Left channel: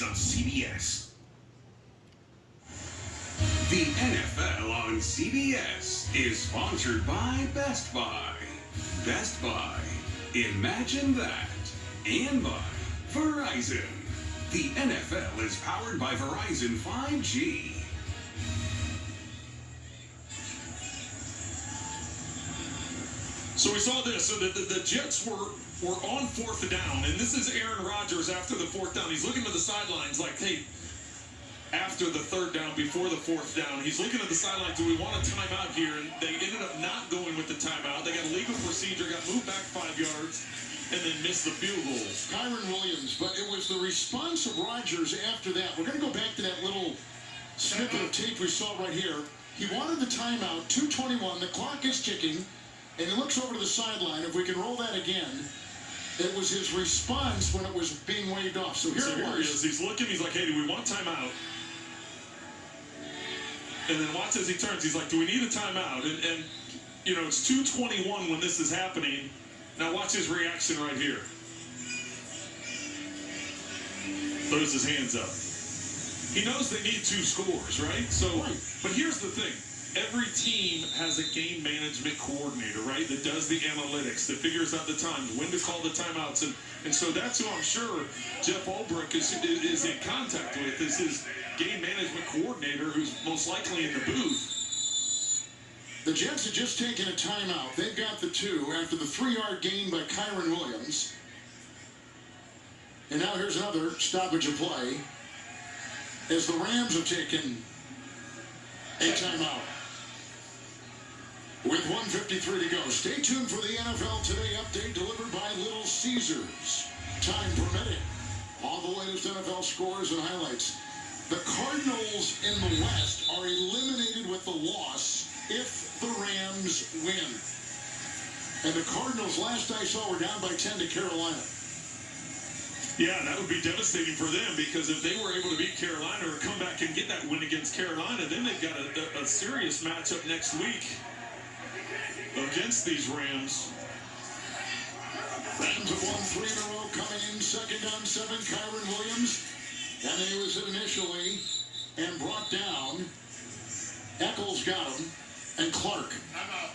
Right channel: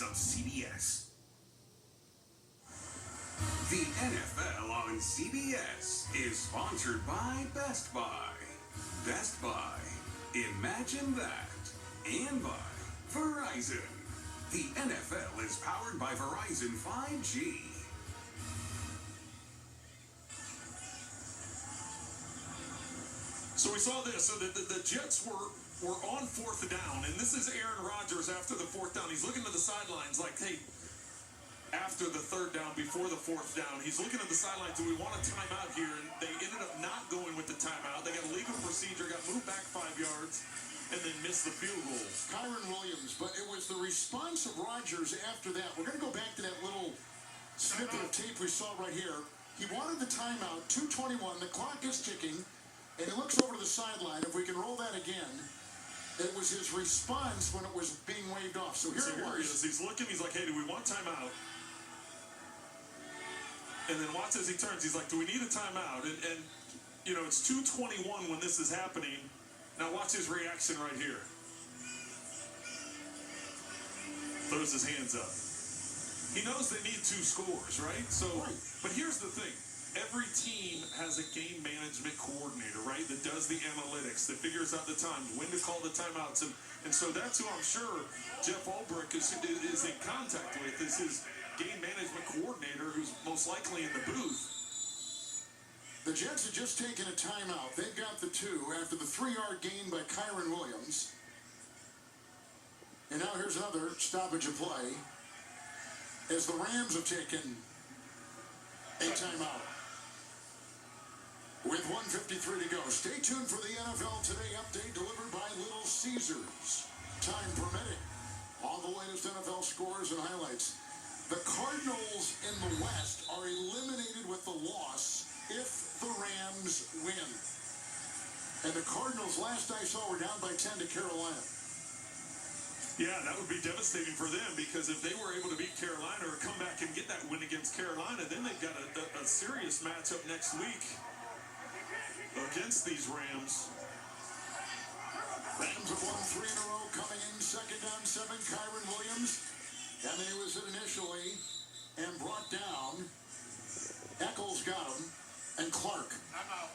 on CBS. The NFL on CBS is sponsored by Best Buy. Best Buy. Imagine that. And by Verizon. The NFL is powered by Verizon 5G. So we saw this. So the Jets were on fourth down, and this is Aaron Rodgers after the fourth down. He's looking to the sidelines like, hey, after the third down, before the fourth down, he's looking at the sidelines. Do we want a timeout here? And they ended up not going with the timeout. They got a legal procedure, got moved back 5 yards, and then missed the field goal. Kyren Williams, but it was the response of Rodgers after that. We're going to go back to that little snippet of tape we saw right here. He wanted the timeout, 2:21, the clock is ticking, and he looks over to the sideline. If we can roll that again, it was his response when it was being waved off. So here it was. He is. He's looking, he's like, hey, do we want timeout? And then watch as he turns, he's like, do we need a timeout? And you know, it's 2:21 when this is happening. Now watch his reaction right here. Throws his hands up. He knows they need 2 scores, right? So, but here's the thing. Every team has a game management coordinator, right, that does the analytics, that figures out the times, when to call the timeouts. And so that's who I'm sure Jeff Ulbrich is in contact with, is his game management coordinator, who's most likely in the booth. The Jets had just taken a timeout. They've got the 2 after the 3-yard gain by Kyren Williams. And now here's another stoppage of play as the Rams have taken a timeout. With 1:53 to go. Stay tuned for the NFL Today update delivered by Little Caesars. Time permitting. All the latest NFL scores and highlights. The Cardinals in the West are eliminated with the loss if the Rams win. And the Cardinals, last I saw, were down by 10 to Carolina. Yeah, that would be devastating for them, because if they were able to beat Carolina or come back and get that win against Carolina, then they've got a serious matchup next week against these Rams. Rams have won 3 in a row, coming in 2nd down 7, Kyren Williams. And then he was hit initially and brought down. Eccles got him, and Clark. I'm out.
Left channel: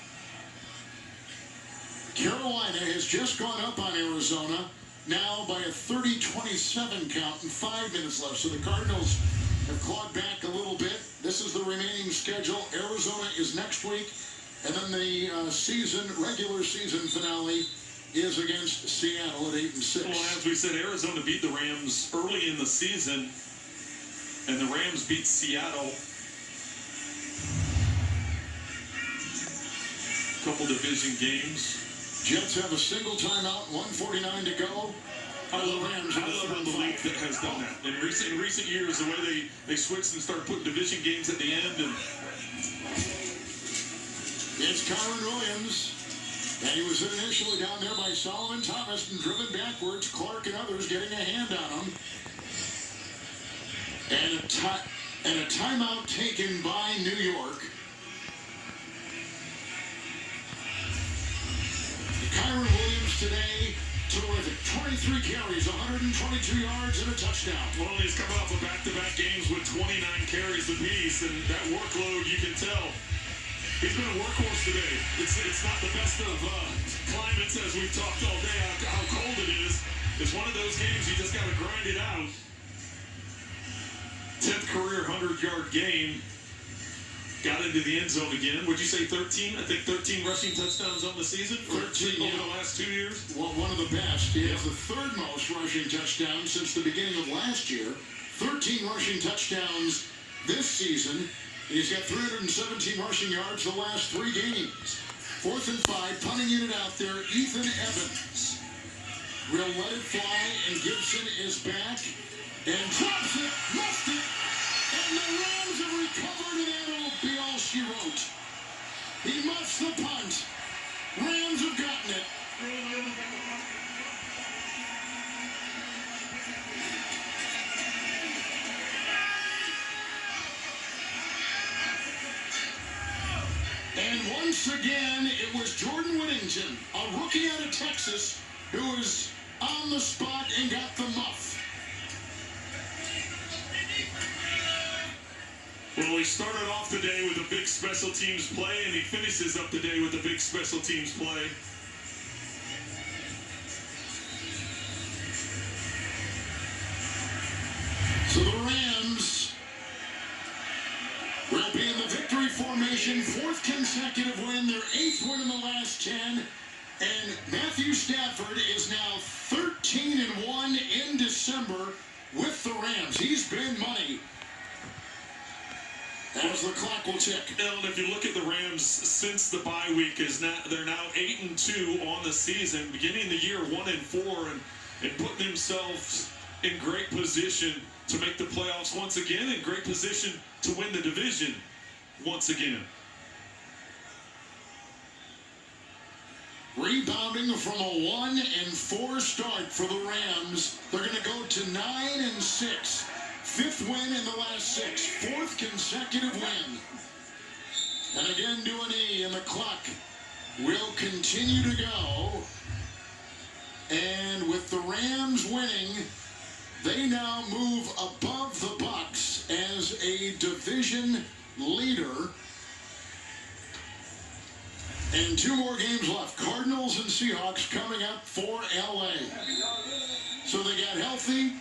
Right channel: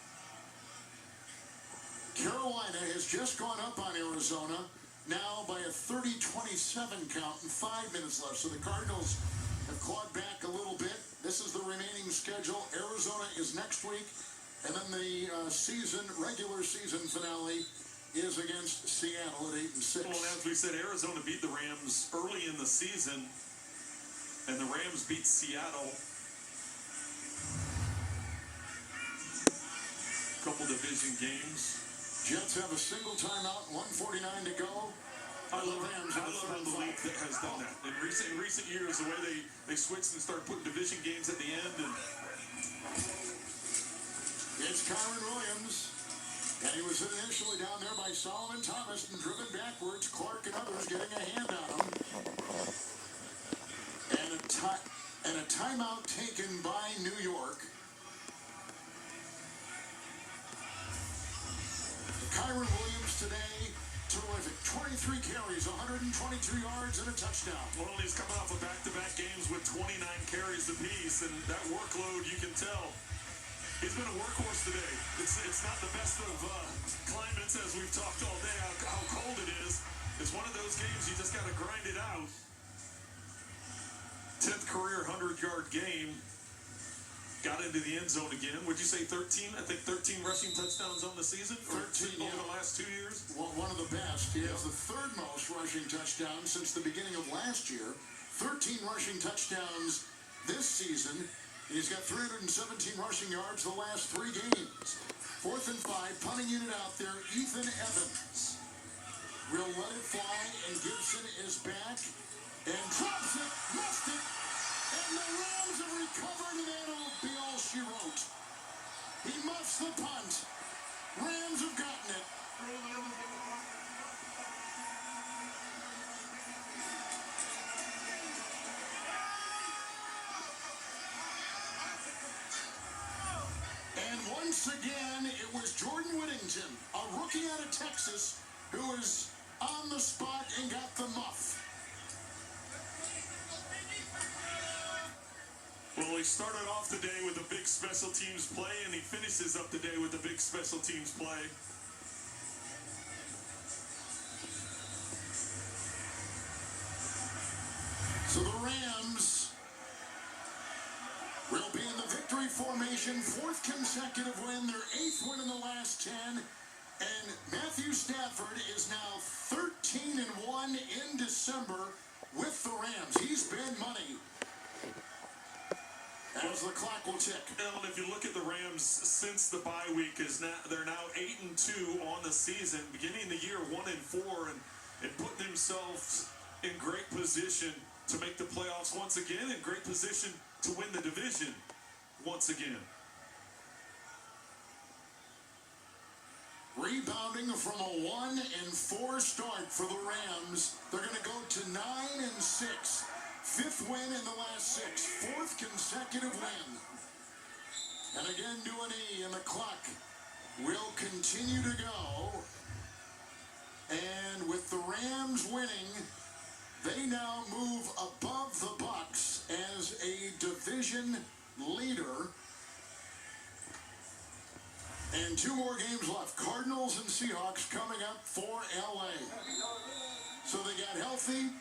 Carolina has just gone up on Arizona, now by a 30-27 count and 5 minutes left. So the Cardinals have clawed back a little bit. This is the remaining schedule. Arizona is next week. And then the regular season finale is against Seattle at 8-6. Well, as we said, Arizona beat the Rams early in the season, and the Rams beat Seattle. Couple division games. Jets have a single timeout, 1:49 to go. I love how the league has done that. In recent years, the way they switched and started putting division games at the end. And it's Kyren Williams, and he was initially down there by Solomon Thomas and driven backwards. Clark and others getting a hand on him. And a timeout taken by New York. Kyren Williams today, terrific. 23 carries, 122 yards, and a touchdown. Well, he's coming off of back-to-back games with 29 carries apiece, and that workload, you can tell. He's been a workhorse today. It's not the best of climates, as we've talked all day, how cold it is. It's one of those games you just got to grind it out. 10th career 100-yard game. Got into the end zone again. Would you say 13? I think 13 rushing touchdowns on the season. 13 over the last 2 years. Well, one of the best. He has the 3rd most rushing touchdowns since the beginning of last year. 13 rushing touchdowns this season. He's got 317 rushing yards the last 3 games. 4th and 5, punting unit out there, Ethan Evans. Will let it fly, and Gibson is back. And drops it, missed it. And the Rams have recovered, and that'll be all she wrote. He muffs the punt. Rams have gotten it. And once again, it was Jordan Whittington, a rookie out of Texas, who was on the spot and got the muff. Well, he started off the day with a big special teams play, and he finishes up the day with a big special teams play. So the Rams will be in the victory formation, 4th consecutive win, their 8th win in the last 10. And Matthew Stafford is now 13-1 in December with the Rams. He's been money. As the clock will tick. And if you look at the Rams since the bye week, they're now 8-2 on the season, beginning the year 1-4, and putting themselves in great position to make the playoffs once again, in great position to win the division once again. Rebounding from a 1-4 start for the Rams, they're going to go to 9-6. 5th win in the last 6. 4th consecutive win. And again, do an E, and the clock will continue to go. And with the Rams winning, they now move above the Bucs as a division leader. And 2 more games left. Cardinals and Seahawks coming up for LA. So they got healthy.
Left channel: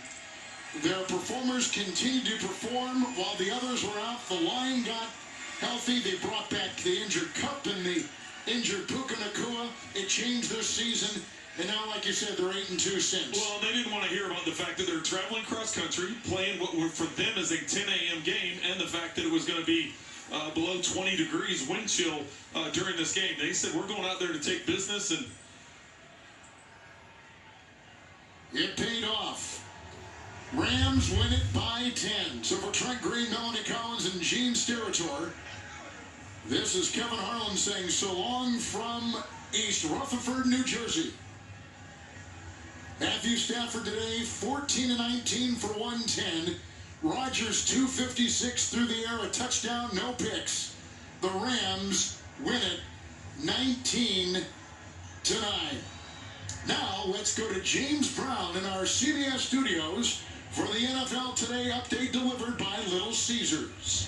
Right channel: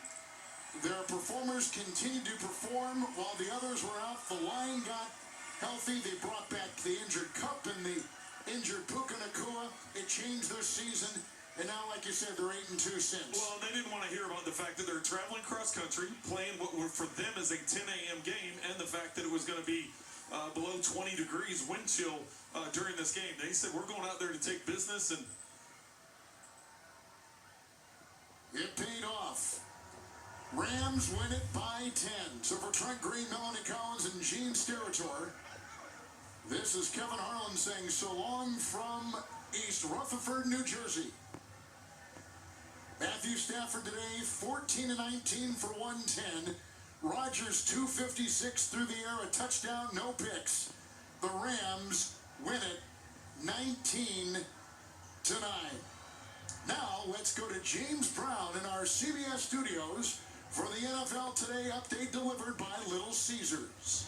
Their performers continued to perform while the others were out. The line got healthy. They brought back the injured Kupp and the injured Puka Nacua. It changed their season. And now, like you said, they're 8-2 since. Well, they didn't want to hear about the fact that they're traveling cross-country, playing what for them is a 10 a.m. game, and the fact that it was going to be below 20 degrees wind chill during this game. They said, we're going out there to take business, and it paid off. Rams win it by 10. So for Trent Green, Melanie Collins, and Gene Steratore, this is Kevin Harlan saying so long from East Rutherford, New Jersey. Matthew Stafford today, 14-19 for 110. Rodgers, 256 through the air, a touchdown, no picks. The Rams win it 19-9. Now, let's go to James Brown in our CBS studios for the NFL Today update delivered by Little Caesars.